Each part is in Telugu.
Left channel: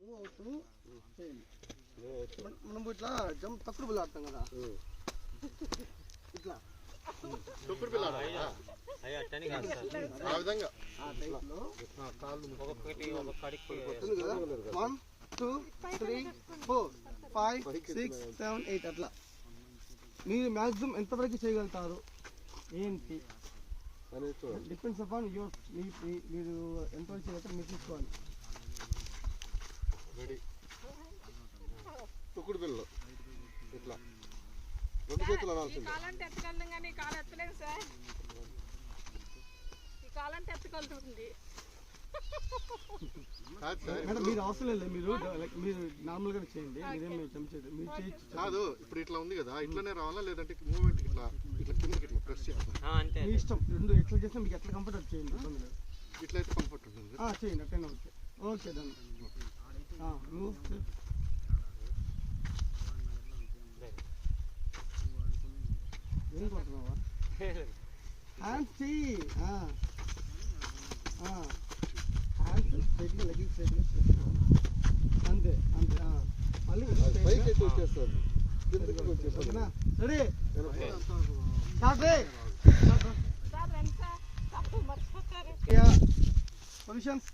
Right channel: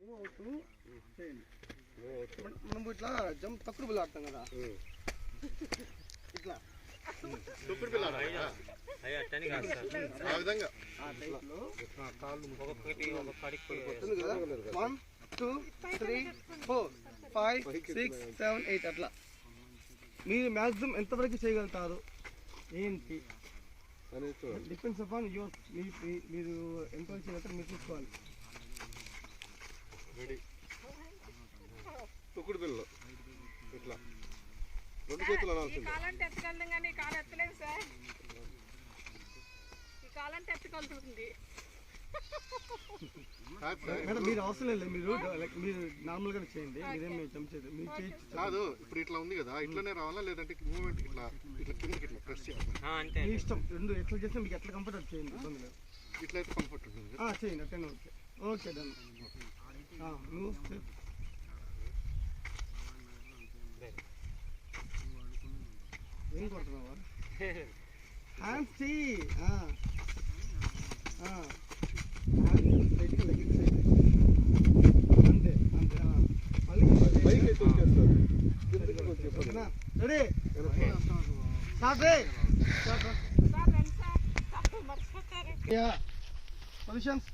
మూవ్ అవుతూ చేయండి. మనం ఇట్లా జంప్ తక్కువ బిల్ ఆడతాం కదా, ఇట్లా తొక్కుడు బిళ్ళ ఆ విధంగా కాళ్ళు 1 2 3 4 5 6 7 8 అట్లా మీరు మ్యాక్సిమం ఎంతవరకు చేయగలుగుతారు ఏంటి డిపెండ్స్ అపాన్ యువర్ మీరు ఎంతవరకు చేయగలుగుతారు మీరు చూసుకోవాలి. రెడీ తొక్కుడు బిళ్ళ ఇట్లా 2 చేతులు అనాల్సింది. కాలంటే ఎత్తగలను కానీ కాలు ఎత్తలేము సార్. ఈ కాలంటే ఎత్తగలుగుతుంది. మేడం మీరు అవసరం లేదు, మీరు నార్మల్ గా చేయండి, మీరేం చంపేది మీరు చేయొచ్చు. కాదు ఇప్పుడు ఇట్లా ఉంది కదా, ఇట్లానే రావాలా లేదంటే మూవ్మెంట్ ఇట్లా ఇట్లా కిందకి ఇట్లా ప్రెస్ చేయాలి? మీ ఇష్టం, రెండు ఎట్లా చేసినా మీకు ఎట్లా కంఫర్ట్ అది చేయండి, ఇబ్బంది లేదు. ఇట్లయితే కంఫర్ట్ ఉంటుంది. చేయండి అట్లనే ఓకే. Okay done. నువ్వు ఏం కొడుతున్నావా? హ్యాండ్స్ చెయ్యి, అంతే అంతే. మళ్ళీ ready positions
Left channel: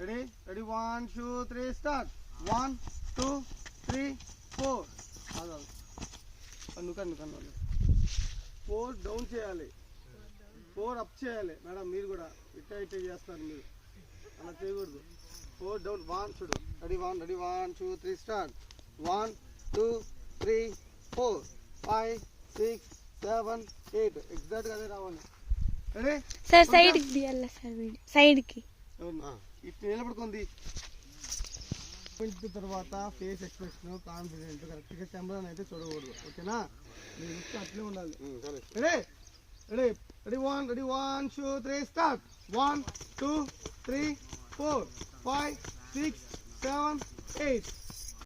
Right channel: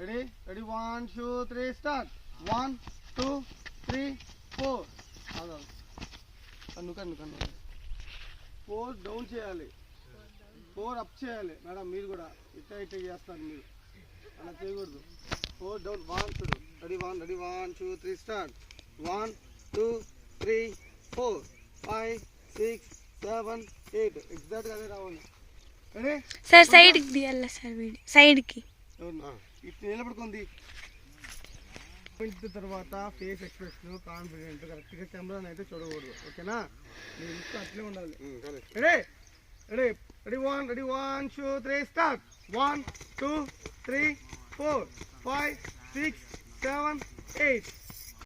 ready ready 1 2 3 start. 1 2 3 4 కన్ను కన్ను కన్ను 4 డౌన్ చేయాలి, 4 అప్ చేయాలి. మేడం మీరు కూడా ఇట్లా ఇట్లా చేస్తారు, మీరు అలా చేయకూడదు. 4 డౌన్ 1 చూడు రెడీ 1 రెడీ 1 2 3 స్టార్ట్. 1 2 3 4 5 6 7 8 ఎగ్జాక్ట్గా అదే రావాలి. రెడీ సార్ సైడ్కి తీయాలి సార్, వీడి సైడ్కి ఇట్లా నిలబడుకుంది. తర్వాత ఫేస్ ఎక్స్ప్రెషన్ కాన్ఫిడెంట్ కరెక్ట్గా కెమెరాని అయితే చూడకూడదు, ఓకేనా? మీరు ఇష్టం అట్లే ఉండాలి. Ready ready ready 1 ready 1 2 3 start. 1 2 3 4 5 6 7 8